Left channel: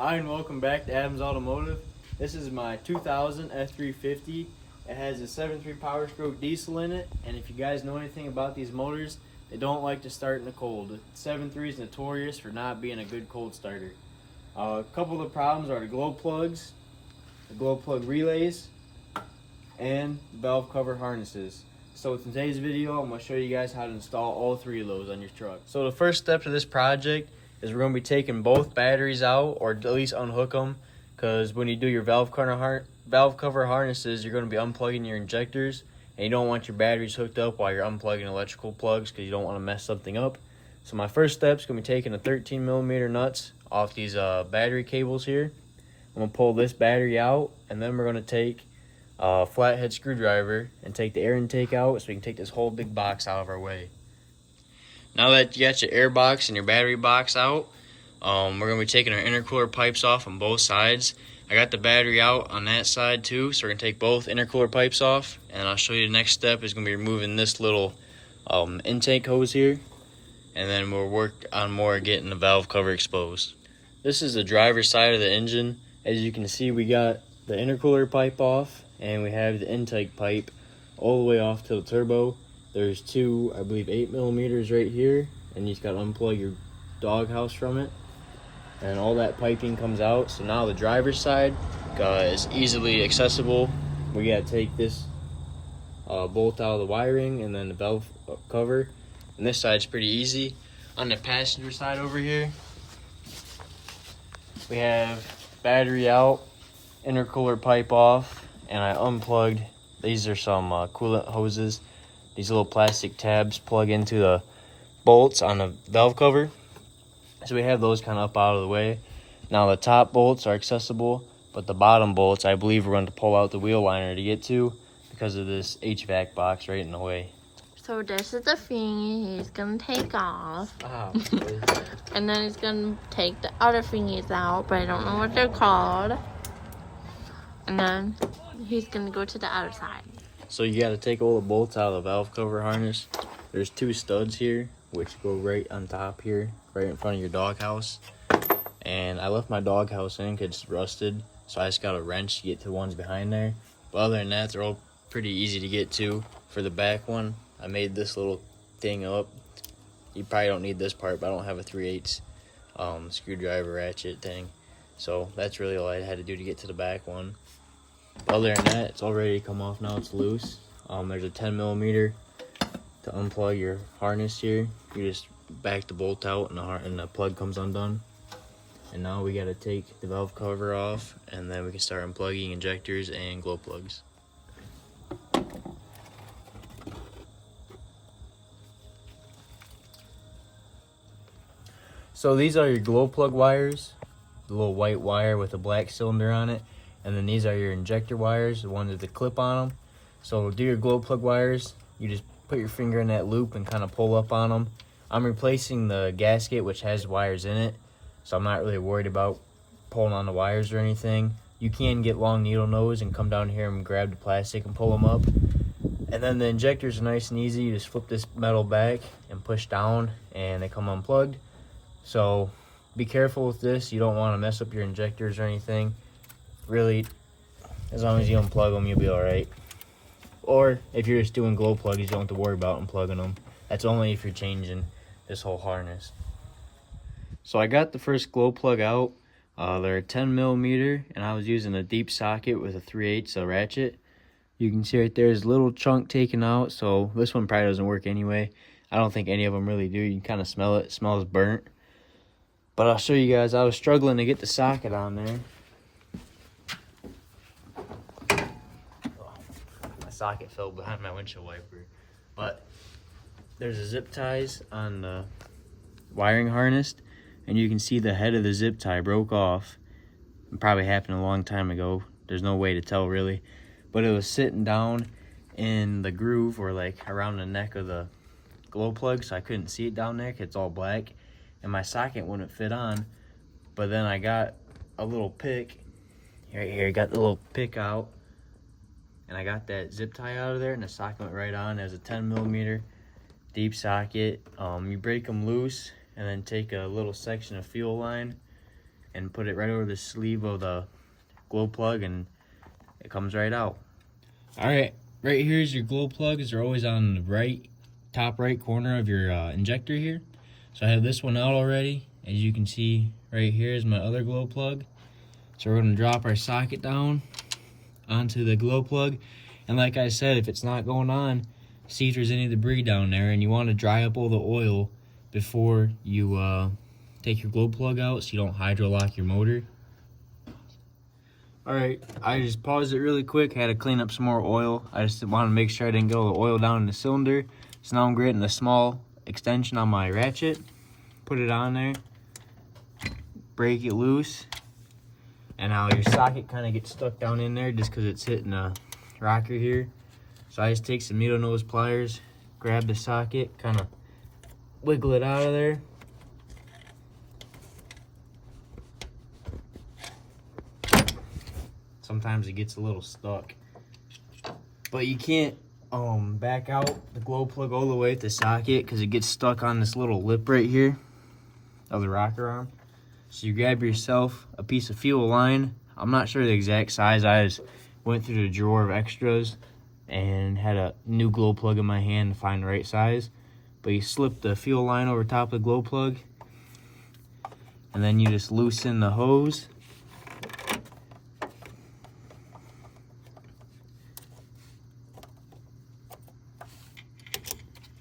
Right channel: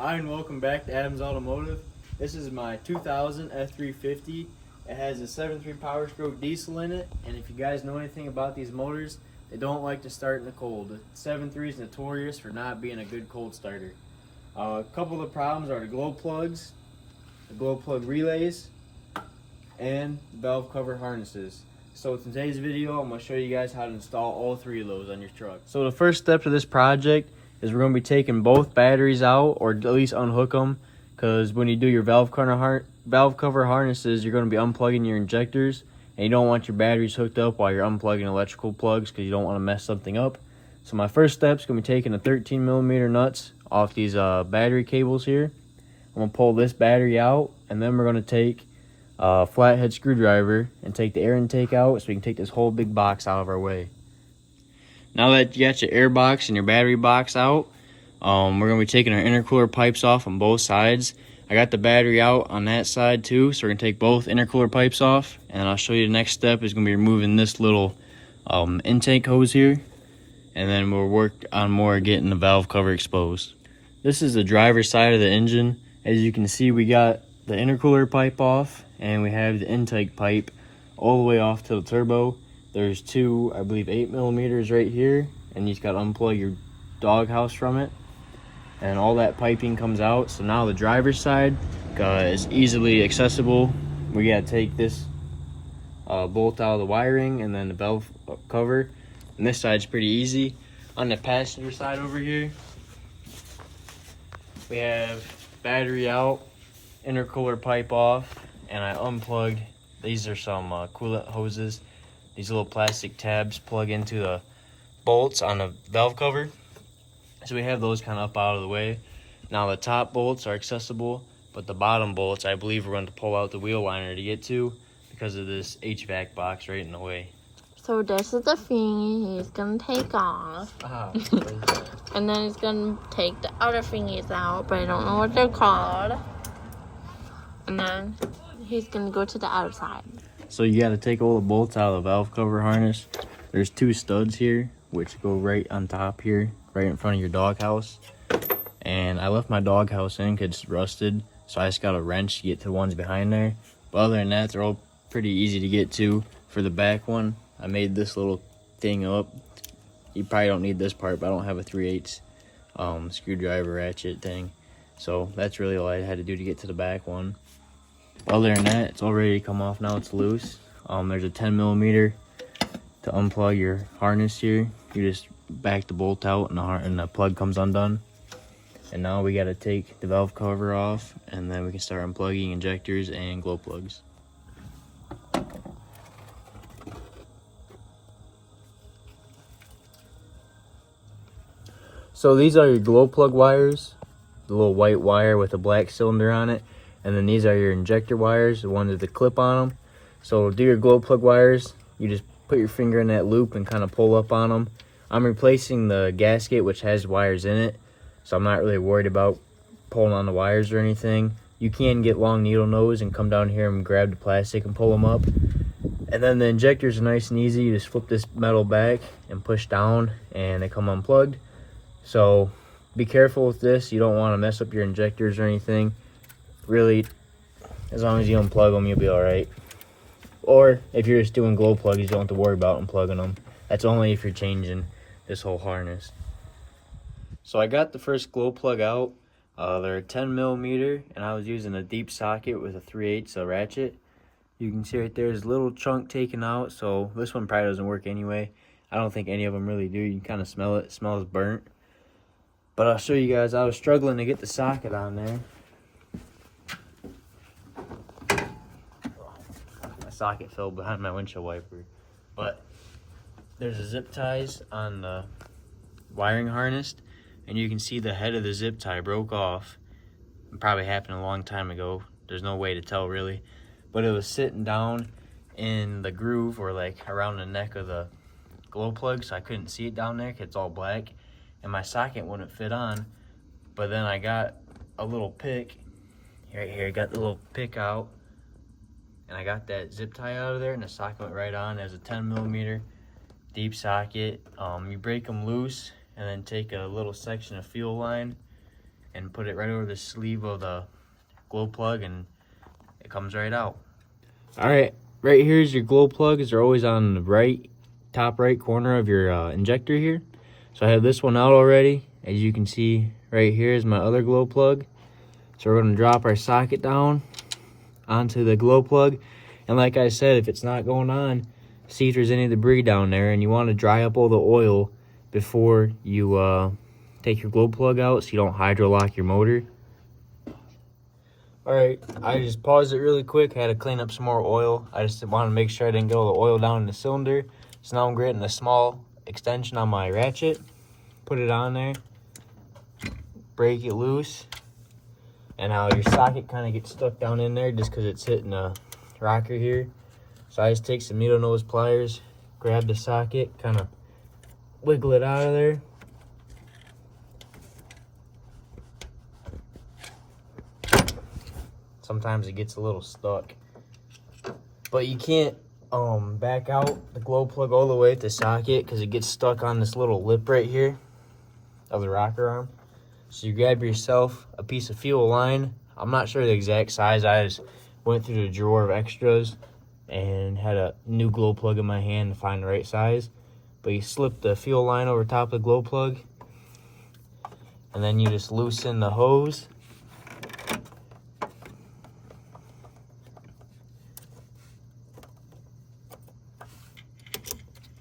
Hi and welcome back to Adams Automotive. This is my 2000 F350. It has a 7.3 powerstroke diesel in it, and if you guys know anything about these motors, they don't like to start in the cold. The 7.3 is notorious for not being a good cold starter. A couple of the problems are the glow plugs, the glow plug relays, and the valve cover harnesses. So in today's video, I'm going to show you guys how to install all three of those on your truck. So the first step to this project is we're going to be taking both batteries out, or at least unhook them, because when you do your valve cover harnesses, you're going to be unplugging your injectors, and you don't want your batteries hooked up while you're unplugging electrical plugs because you don't want to mess something up. So my first step is going to be taking the 13mm nuts off these battery cables here. I'm going to pull this battery out, and then we're going to take a flathead screwdriver and take the air intake out so we can take this whole big box out of our way. Now that you got your air box and your battery box out, we're going to be taking our intercooler pipes off on both sides. I got the battery out on that side too, so we're going to take both intercooler pipes off, and then I'll show you the next step is going to be removing this little intake hose here, and then we'll work on more getting the valve cover exposed. This is the driver's side of the engine. As you can see, we got the intercooler pipe off, and we have the intake pipe all the way off to the turbo. There's two, I believe, 8mm right here, and you just got to unplug your doghouse from it, and all that piping comes out. So now the driver's side is easily accessible. We got to take this bolt out of the wiring and then the valve cover, and this side's pretty easy. On the passenger side over here, we have battery out, intercooler pipe off, and I unplugged. These are some coolant hoses. These little plastic tabs plug into the bolts on the valve cover. So we have those kind of up out of the way. Now the top bolts are accessible, but the bottom bolts, I believe we're going to pull out the wheel liner to get to because of this HVAC box right in the way. So this is the thingy he's going to take off. Oh, And then he's going to take the other thingies out, but I don't know what they're called. And then he's going to go to the other side. So you got to take all the bolts out of the valve cover harness. There's two studs here, which go right on top here, right in front of your doghouse. And I left my doghouse in because it's rusted, so I just got a wrench to get to the ones behind there. But other than that, they're all pretty easy to get to. For the back one, I made this little thing up. You probably don't need this part, but I don't have a 3/8 screwdriver ratchet thing. So that's really all I had to do to get to the back one. Other than that, it's all ready to come off now. It's loose. There's a 10mm to unplug your harness here. You just back the bolt out and the plug comes undone. And now we got to take the valve cover off, and then we can start unplugging injectors and glow plugs. So these are your glow plug wires, the little white wire with a black cylinder on it. And then these are your injector wires, the ones with the clip on them. So to do your glow plug wires, you just put your finger in that loop and kind of pull up on them. I'm replacing the gasket, which has wires in it, so I'm not really worried about pulling on the wires or anything. You can get long needle nose and come down here and grab the plastic and pull them up. And then the injectors are nice and easy. You just flip this metal back and push down, and they come unplugged. So be careful with this. You don't want to mess up your injectors or anything. Really, as long as you unplug them, you'll be all right. Or if you're just doing glow plugs, you don't have to worry about unplugging them. That's only if you're changing this whole harness. So I got the first glow plug out. They're 10mm, and I was using a deep socket with a 3/8 ratchet. You can see right there's a little chunk taken out, so this one probably doesn't work anyway. I don't think any of them really do. You can kind of smell it. It smells burnt. But I'll show you guys. I was struggling to get the socket on there. Socket fell behind my windshield wiper, but there's a zip ties on the wiring harness, and you can see the head of the zip tie broke off. It probably happened a long time ago. There's no way to tell really, but it was sitting down in the groove or like around the neck of the glow plug, so I couldn't see it down there because it's all black, and my socket wouldn't fit on. But then I got a little pick right here, got the little pick out, and I got that zip tie out of there, and the socket went right on. As a 10mm deep socket. You break them loose and then take a little section of fuel line and put it right over the sleeve of the glow plug, and it comes right out. All right, right here's your glow plugs. They're always on the top right corner of your injector here. So I have this one out already. As you can see, right here is my other glow plug. So we're gonna drop our socket down onto the glow plug. And like I said, if it's not going on, see if there's any debris down there, and you wanna dry up all the oil before you take your glow plug out so you don't hydro lock your motor. All right, I just paused it really quick. I had to clean up some more oil. I just wanted to make sure I didn't get all the oil down in the cylinder. So now I'm getting a small extension on my ratchet. Put it on there, break it loose, and how your socket kind of gets stuck down in there just because it's hitting a rocker here. So I just take some needle nose pliers, grab the socket, kind of wiggle it out of there. Sometimes it gets a little stuck, but you can't back out the glow plug all the way at the socket because it gets stuck on this little lip right here of the rocker arm. So you grab yourself a piece of fuel line. I'm not sure the exact size. I just went through the drawer of extras and had a new glow plug in my hand to find the right size. But you slip the fuel line over top of the glow plug, and then you just loosen the hose.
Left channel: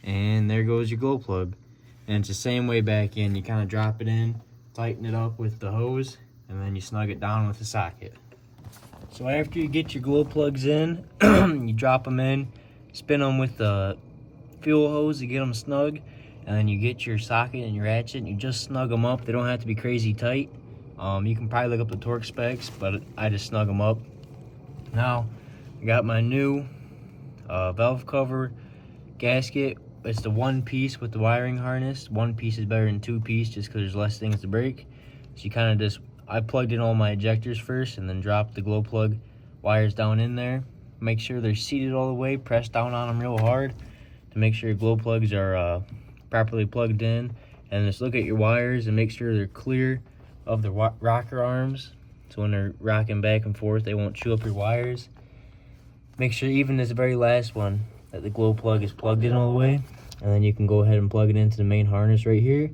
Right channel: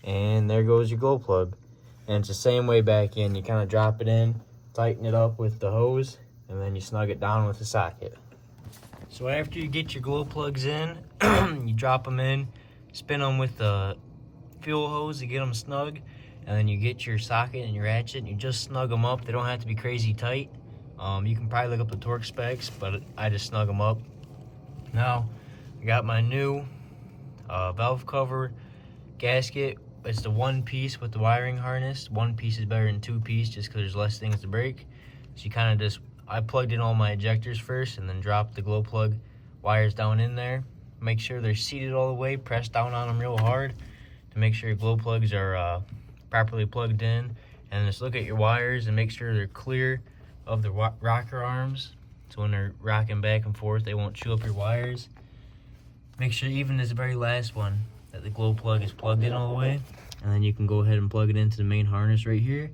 And there goes your glow plug. And it's the same way back in. You kind of drop it in, tighten it up with the hose, and then you snug it down with the socket. So after you get your glow plugs in, you drop them in, spin them with the fuel hose to get them snug, and then you get your socket and your ratchet and you just snug them up. They don't have to be crazy tight. You can probably look up the torque specs, but I just snug them up. Now, I got my new valve cover gasket. It's the one piece with the wiring harness. One piece is better than two piece just because there's less things to break. So you kind of just, I plugged in all my ejectors first and then dropped the glow plug wires down in there. Make sure they're seated all the way, press down on them real hard to make sure your glow plugs are properly plugged in. And just look at your wires and make sure they're clear of the rocker arms. So when they're rocking back and forth, they won't chew up your wires. Make sure even this very last one that the glow plug is plugged in all the way. And then you can go ahead and plug it into the main harness right here.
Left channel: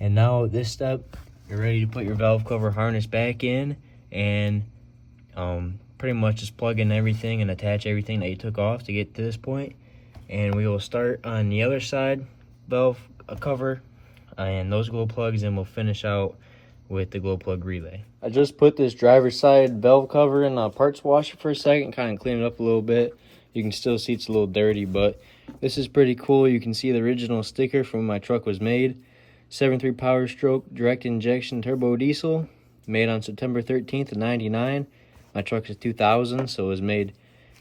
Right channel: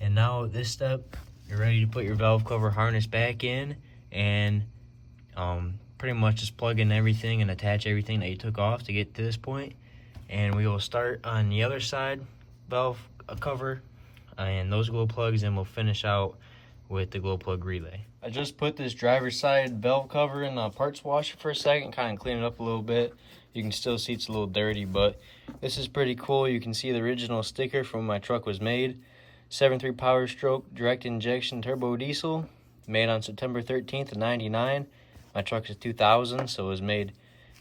And now at this step, you're ready to put your valve cover harness back in and pretty much just plug in everything and attach everything that you took off to get to this point. And we will start on the other side valve cover and those glow plugs, and we'll finish out with the glow plug relay. I just put this driver's side valve cover in a parts washer for a second, kind of clean it up a little bit. You can still see it's a little dirty, but this is pretty cool. You can see the original sticker from when my truck was made. 7.3 powerstroke direct injection turbo diesel, made on September 13th of '99. My truck is 2000, so it was made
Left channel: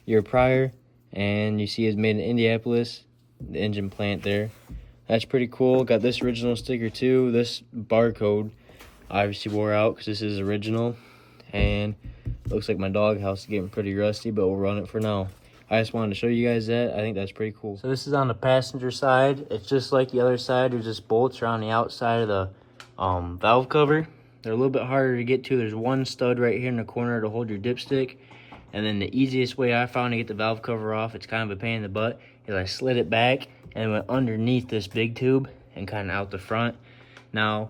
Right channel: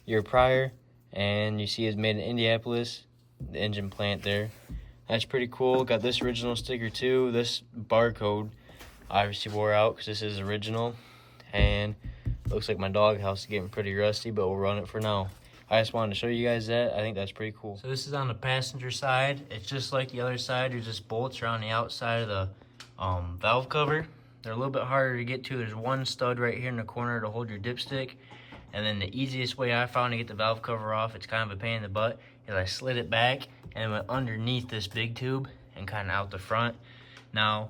year prior. And you see it's made in Indianapolis, the engine plant there. That's pretty cool. Got this original sticker too. This barcode obviously wore out because this is original. And looks like my doghouse is getting pretty rusty, but we'll run it for now. I just wanted to show you guys that. I think that's pretty cool. So this is on the passenger side. It's just like the other side. There's just bolts around the outside of the valve cover. They're a little bit harder to get to. There's one stud right here in the corner to hold your dipstick. And then the easiest way I found to get the valve cover off, it's kind of a pain in the butt, is I slid it back and it went underneath this big tube and kind of out the front. Now,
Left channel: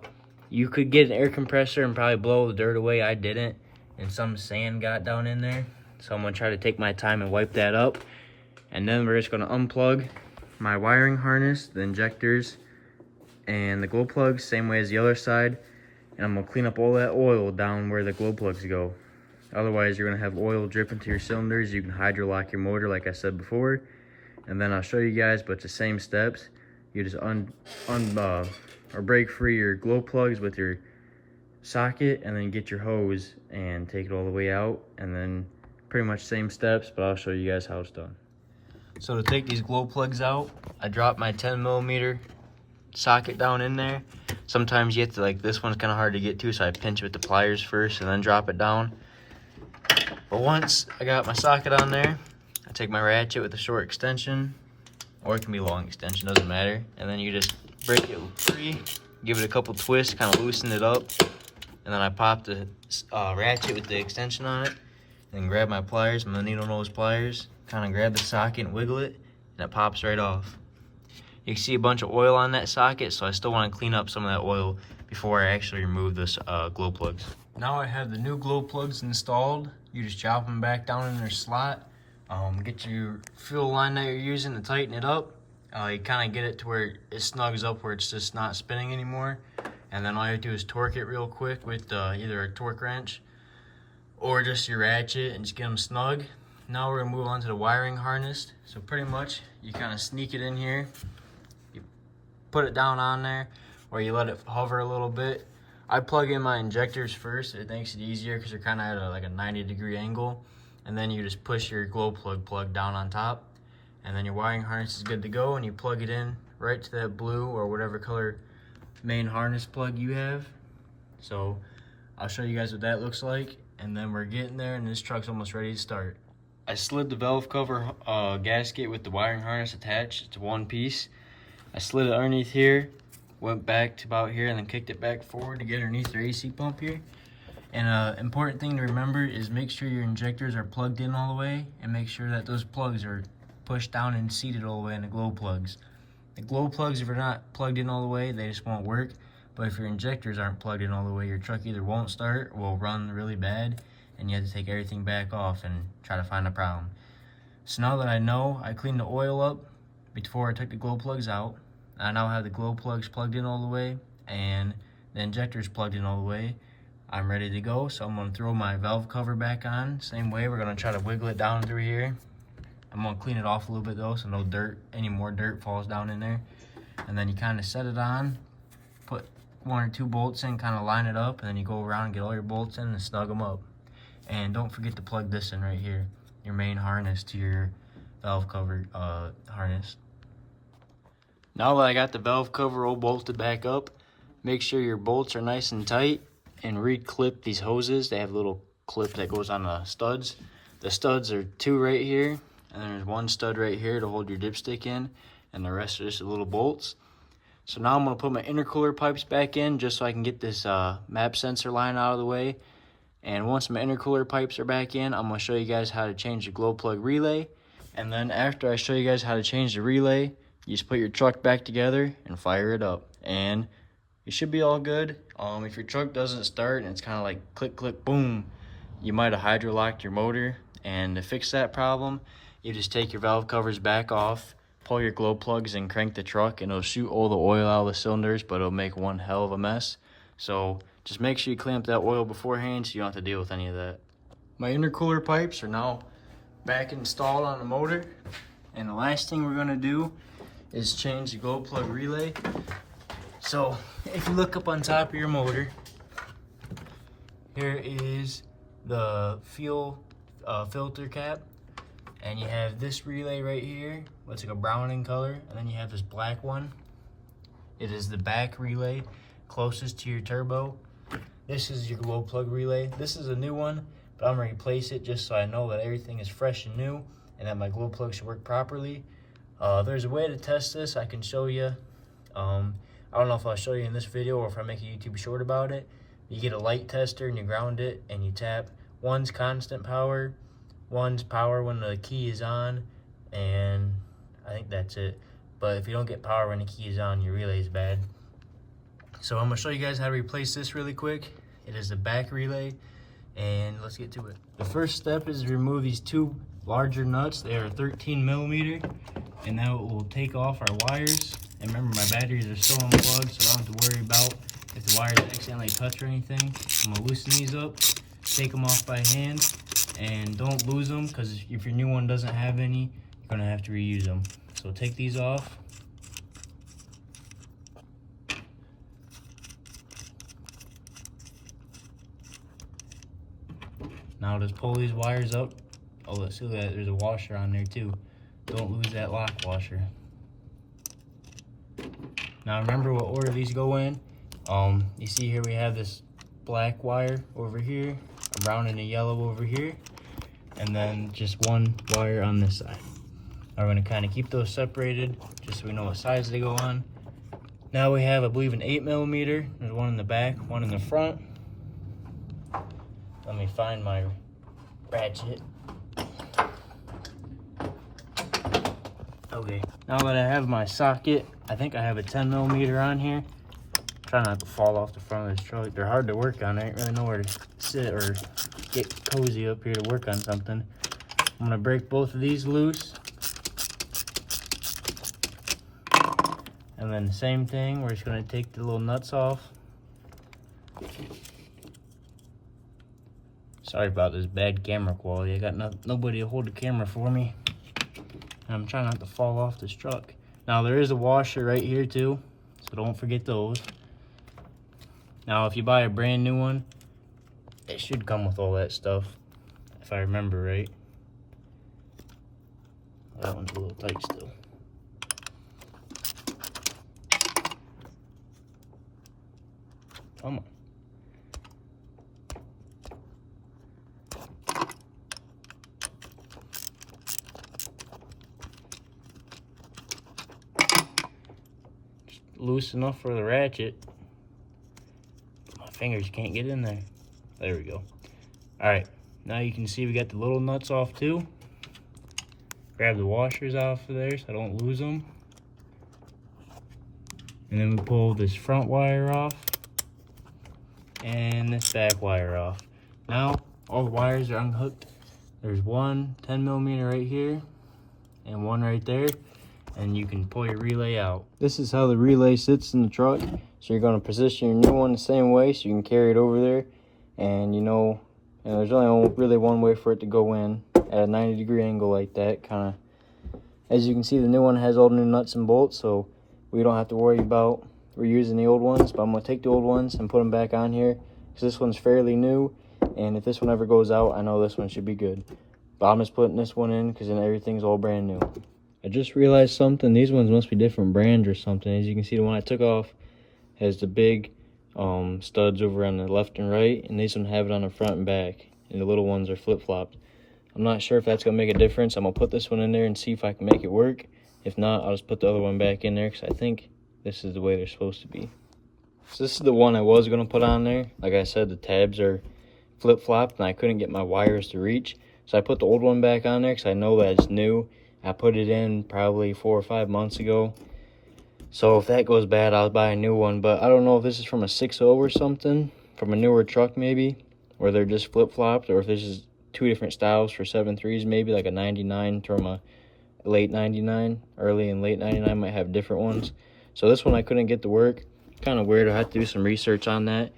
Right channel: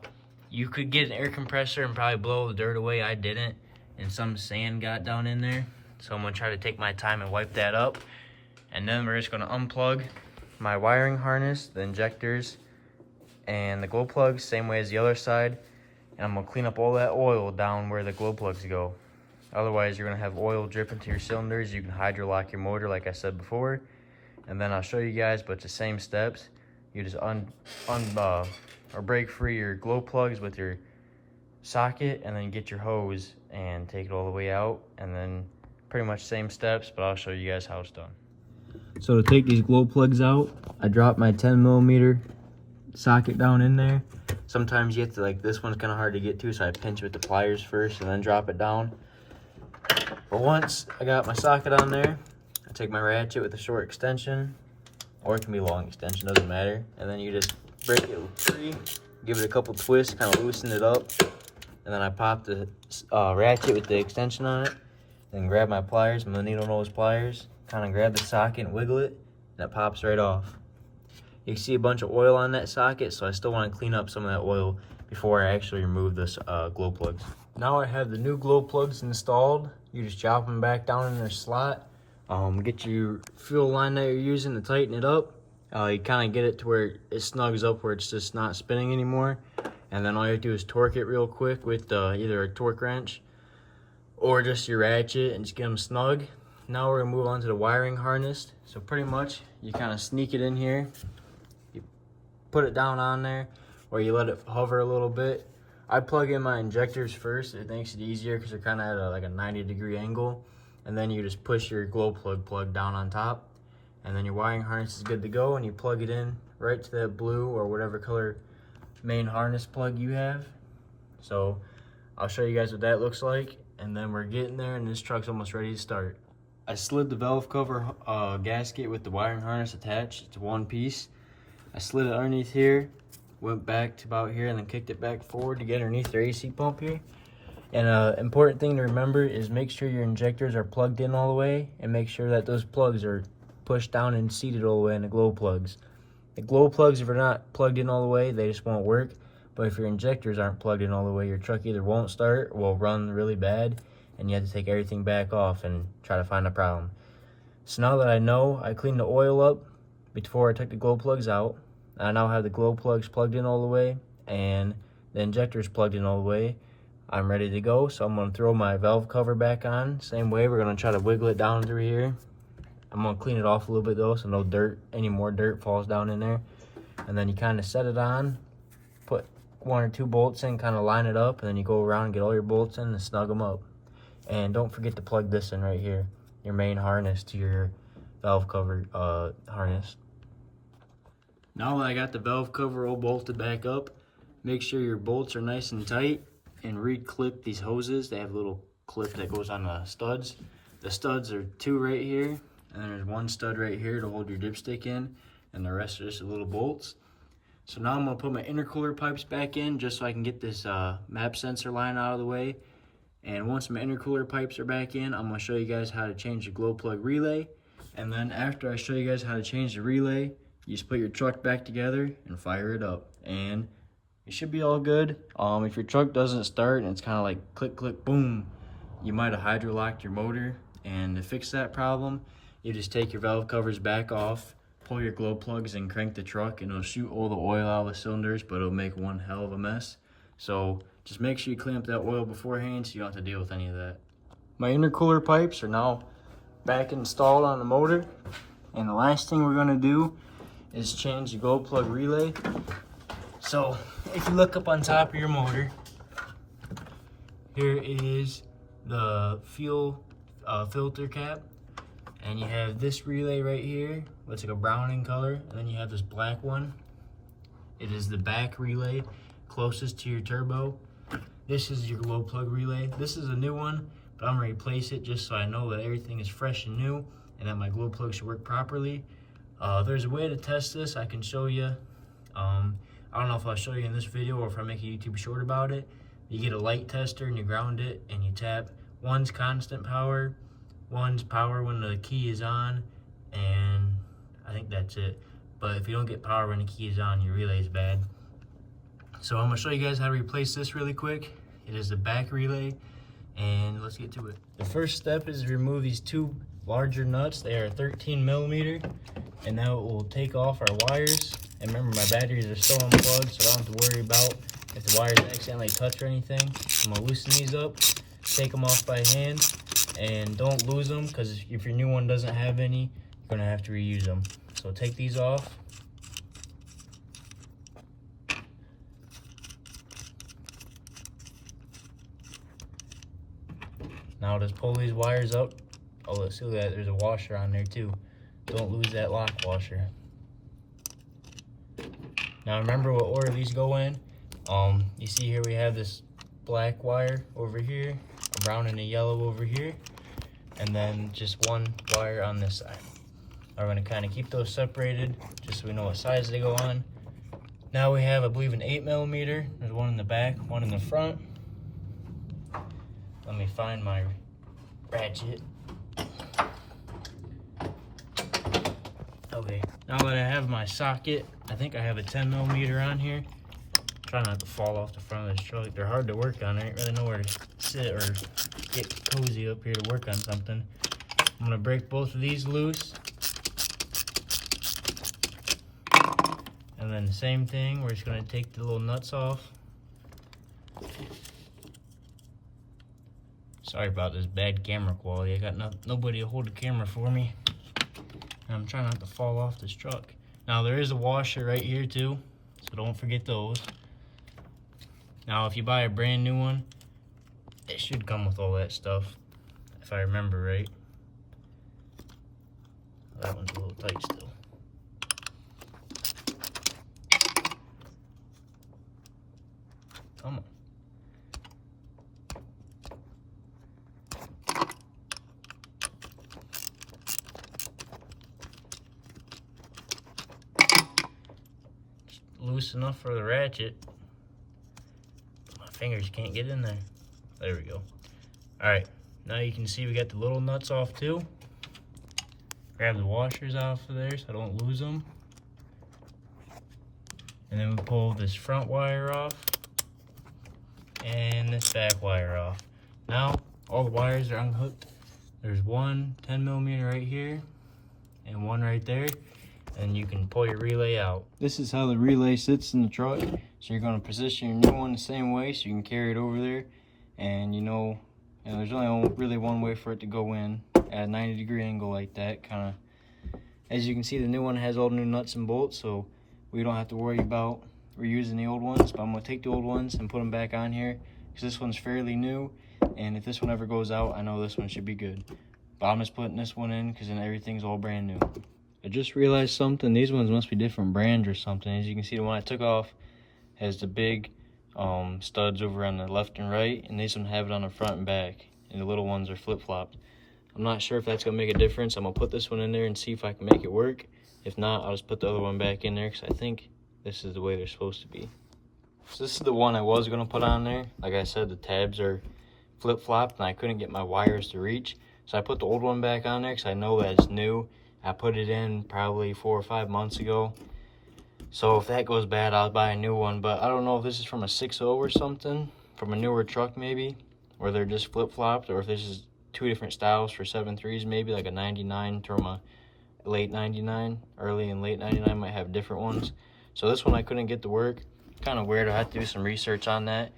you could get an air compressor and probably blow the dirt away. I didn't, and some sand got down in there. So I'm gonna try to take my time and wipe that up. And then we're just gonna unplug my wiring harness, the injectors, and the glow plugs, same way as the other side. And I'm gonna clean up all that oil down where the glow plugs go. Otherwise, you're gonna have oil drip into your cylinders. You can hydro lock your motor, like I said before. And then I'll show you guys, but it's the same steps. You just or break free your glow plugs with your socket, and then get your hose and take it all the way out, and then pretty much same steps, but I'll show you guys how it's done. So to take these glow plugs out, I dropped my 10mm socket down in there. Sometimes you have to, like, this one's kind of hard to get to, so I pinch with the pliers first and then drop it down. But once I got my socket on there, I take my ratchet with a short extension, or it can be long extension, doesn't matter. And then you just break it free, give it a couple twists, kind of loosen it up, and then I pop the ratchet with the extension on it, and then grab my pliers, my needle nose pliers, kind of grab the socket and wiggle it, and it pops right off. You can see a bunch of oil on that socket, so I still want to clean up some of that oil before I actually remove this glow plugs. Now I have the new glow plugs installed. You just drop them back down in their slot. Get your fuel line that you're using to tighten it up. You kind of get it to where it snugs up where it's just not spinning anymore. And then all you have to do is torque it real quick with either a torque wrench or just your ratchet and just get them snug. Now we're gonna move on to the wiring harness. So pretty much you kind of sneak it in here, you put it down on there, or you let it hover a little bit. I plug in my injectors first. It makes it easier because they're kind of at like a 90-degree angle. And then you just push your glow plug down on top. And then your wiring harness is good to go, and you plug it in right to that blue or whatever color main harness plug you have. So I'll show you guys what that looks like, and then we're getting there and this truck's almost ready to start. I slid the valve cover gasket with the wiring harness attached to one piece. I slid it underneath here, went back to about here, and then kicked it back forward to get underneath their AC pump here. And important thing to remember is make sure your injectors are plugged in all the way, and make sure that those plugs are pushed down and seated all the way in the glow plugs. The glow plugs, if they're not plugged in all the way, they just won't work. But if your injectors aren't plugged in all the way, your truck either won't start or will run really bad, and you have to take everything back off and try to find a problem. So now that I know, I cleaned the oil up before I took the glow plugs out. I now have the glow plugs plugged in all the way and the injectors plugged in all the way. I'm ready to go, so I'm gonna throw my valve cover back on. Same way, we're gonna try to wiggle it down through here. I'm gonna clean it off a little bit though, so no dirt, any more dirt falls down in there. And then you kind of set it on, put 1 or 2 bolts in, kind of line it up, and then you go around and get all your bolts in and snug them up. And don't forget to plug this in right here, your main harness to your valve cover harness. Now that I got the valve cover all bolted back up, make sure your bolts are nice and tight, and re-clip these hoses. They have a little clip that goes on the studs. The studs are 2 right here, and then there's 1 stud right here to hold your dipstick in, and the rest are just little bolts. So now I'm gonna put my intercooler pipes back in just so I can get this map sensor line out of the way. And once my intercooler pipes are back in, I'm gonna show you guys how to change the glow plug relay. And then after I show you guys how to change the relay, you just put your truck back together and fire it up. And you should be all good. If your truck doesn't start and it's kind of like click, click, boom, you might have hydrolocked your motor. And to fix that problem, you just take your valve covers back off, pull your glow plugs and crank the truck, and it'll shoot all the oil out of the cylinders, but it'll make one hell of a mess. So just make sure you clean up that oil beforehand so you don't have to deal with any of that. My intercooler pipes are now back installed on the motor. And the last thing we're gonna do is change the glow plug relay. So if you look up on top of your motor, here is the fuel filter cap, and you have this relay right here, looks like a brown in color, and then you have this black one. It is the back relay closest to your turbo. This is your glow plug relay. This is a new one, but I'm gonna replace it just so I know that everything is fresh and new and that my glow plug should work properly. There's a way to test this. I can show you. I don't know if I'll show you in this video or if I make a YouTube short about it. You get a light tester and you ground it and you tap. One's constant power, one's power when the key is on, and I think that's it. But if you don't get power when the key is on, your relay is bad. So I'm gonna show you guys how to replace this really quick. It is the back relay, and let's get to it. The first step is to remove these 2 larger nuts. They are 13 millimeter, and that will take off our wires. And remember, my batteries are still unplugged, so I don't have to worry about if the wires accidentally touch or anything. I'm gonna loosen these up, take them off by hand, and don't lose them, because if your new one doesn't have any, you're gonna have to reuse them. So take these off. Now just pull these wires up. Oh, let's see that there's a washer on there too. Don't lose that lock washer. Now remember what order these go in. You see here we have this black wire over here, a brown and a yellow over here, and then just 1 wire on this side. Now we're gonna kind of keep those separated just so we know what size they go on. Now we have, I believe, an 8 millimeter. There's one in the back, one in the front. find my ratchet. Okay, now that I have my socket, I think I have a 10mm on here. Try not to fall off the front of this truck. They're hard to work on. I didn't really know where to sit or get cozy up here to work on something. I'm gonna break both of these loose. And then the same thing, we're just gonna take the little nuts off. Sorry about this bad camera quality. I got nobody to hold the camera for me. And I'm trying not to fall off this truck. Now there is a washer right here too, so don't forget those. Now if you buy a brand new one, it should come with all that stuff, if I remember right. That one's a little tight still. Come on. Just loose enough for the ratchet. My fingers can't get in there. There we go. Alright, now you can see we got the little nuts off too. Grab the washers off of there so I don't lose them. And then we pull this front wire off and this back wire off. Now all the wires are unhooked. There's one 10mm right here and one right there, and you can pull your relay out. This is how the relay sits in the truck. So you're going to position your new one the same way so you can carry it over there, and you know there's only really one way for it to go in at a 90-degree angle like that. Kind of, as you can see, the new one has all the new nuts and bolts, so we don't have to worry about reusing the old ones. But I'm going to take the old ones and put them back on here because this one's fairly new, and if this one ever goes out, I know this one should be good. But I'm just putting this one in because then everything's all brand new. I just realized something. These ones must be different brands or something. As you can see, the one I took off has the big studs over on the left and right, and these ones have it on the front and back, and the little ones are flip-flopped. I'm not sure if that's going to make a difference. I'm going to put this one in there and see if I can make it work. If not, I'll just put the other one back in there because I think this is the way they're supposed to be. So this is the one I was going to put on there. Like I said, the tabs are flip-flopped and I couldn't get my wires to reach. So I put the old one back on there because I know that it's new. I put it in probably 4 or 5 months ago. So if that goes bad, I'll buy a new one. But I don't know if this is from a 6.0 or something, from a newer truck maybe, where they're just flip-flopped, or if this is two different styles for 7.3s, maybe like a 99 from a late 99, early and late 99 might have different ones. So this one I couldn't get to work. Kind of weird. I had to do some research on that.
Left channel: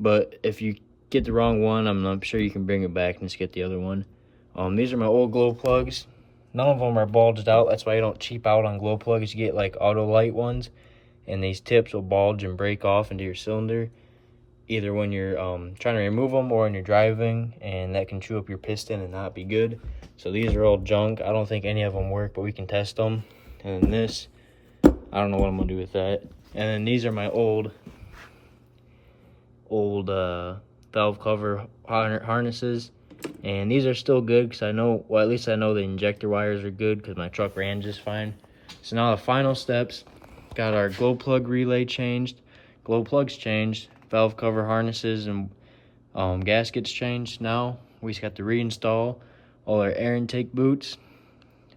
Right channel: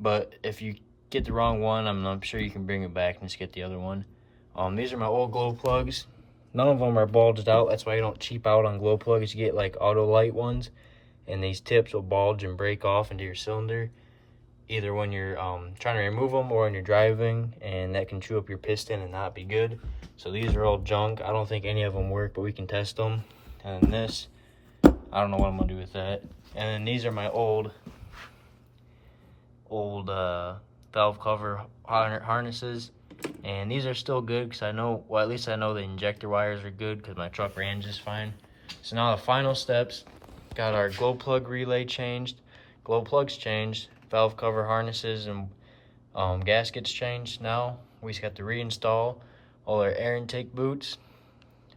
But if you get the wrong one, I'm sure you can bring it back and just get the other one. These are my old glow plugs. None of them are bulged out. That's why you don't cheap out on glow plugs. You get like auto light ones, and these tips will bulge and break off into your cylinder, either when you're trying to remove them or when you're driving, and that can chew up your piston and not be good. So these are all junk. I don't think any of them work, but we can test them. And then this, I don't know what I'm gonna do with that. And then these are my old valve cover harnesses, and these are still good because I know, well, at least I know the injector wires are good because my truck ran just fine. So now the final steps: got our glow plug relay changed, glow plugs changed, valve cover harnesses and gaskets changed. Now we just got to reinstall all our air intake boots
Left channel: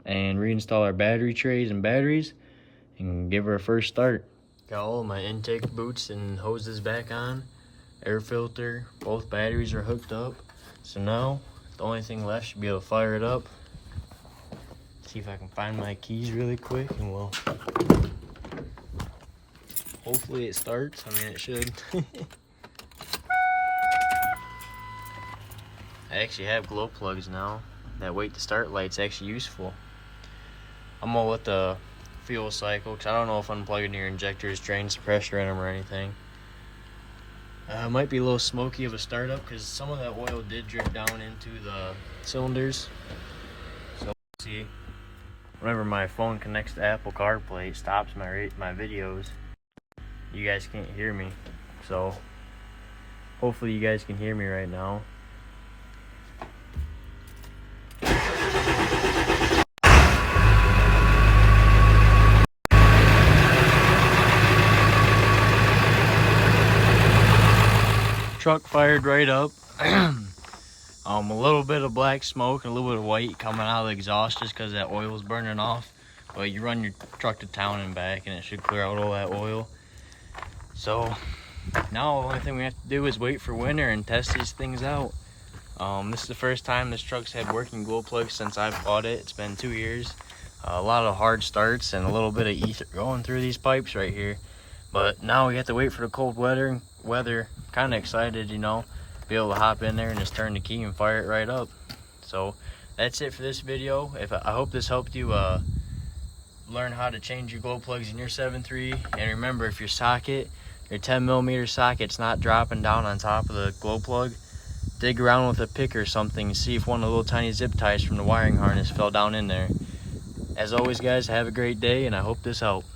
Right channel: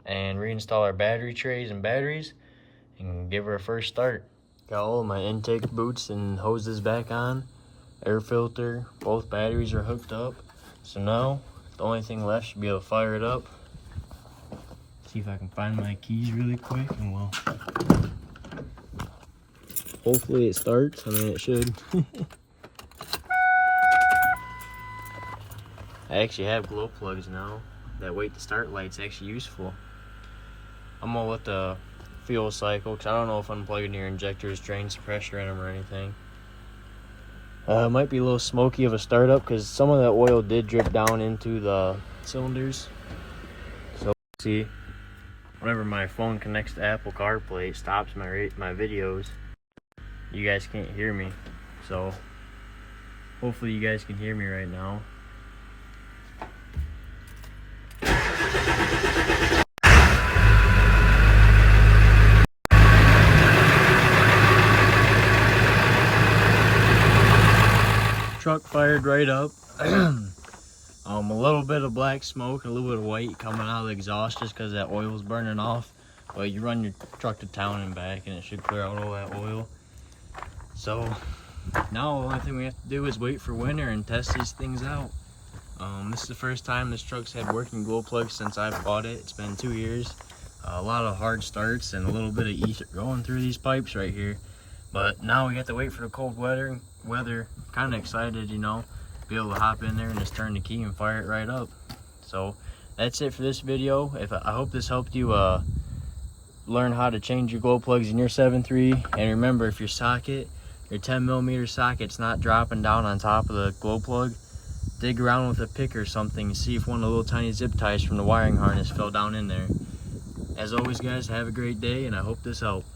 and reinstall our battery trays and batteries and give her a first start. Got all of my intake boots and hoses back on, air filter, both batteries are hooked up. So now the only thing left should be able to fire it up. See if I can find my keys really quick, and we'll hopefully it starts. I mean, it should. I actually have glow plugs now. That wait to start light's actually useful. I'm gonna let the fuel cycle, because I don't know if unplugging your injectors drains the pressure in them or anything. It might be a little smoky of a startup because some of the oil did drip down into the cylinders. So see, whenever my phone connects to Apple CarPlay, it stops my videos. You guys can't hear me, so hopefully you guys can hear me right now. Truck fired right up. A little bit of black smoke and a little bit of white coming out of the exhaust just because that oil's burning off. But you run your truck to town and back and it should clear out all that oil. So now the only thing we have to do is wait for winter and test these things out. This is the first time this truck's had working glow plugs since I've bought it. It's been 2 years. A lot of hard starts and a little bit of ether going through these pipes right here. But now we have to wait for the cold weather. Kind of excited, you know, be able to hop in there and just turn the key and fire it right up. So that's it for this video. I hope this helped you learn how to change your glow plugs in your 7.3. And remember, if your 10mm socket's not dropping down on top of the glow plug, dig around with a pick or something and see if one of the little tiny zip ties from the wiring harness fell down in there. As always, guys, have a great day, and I hope this helped.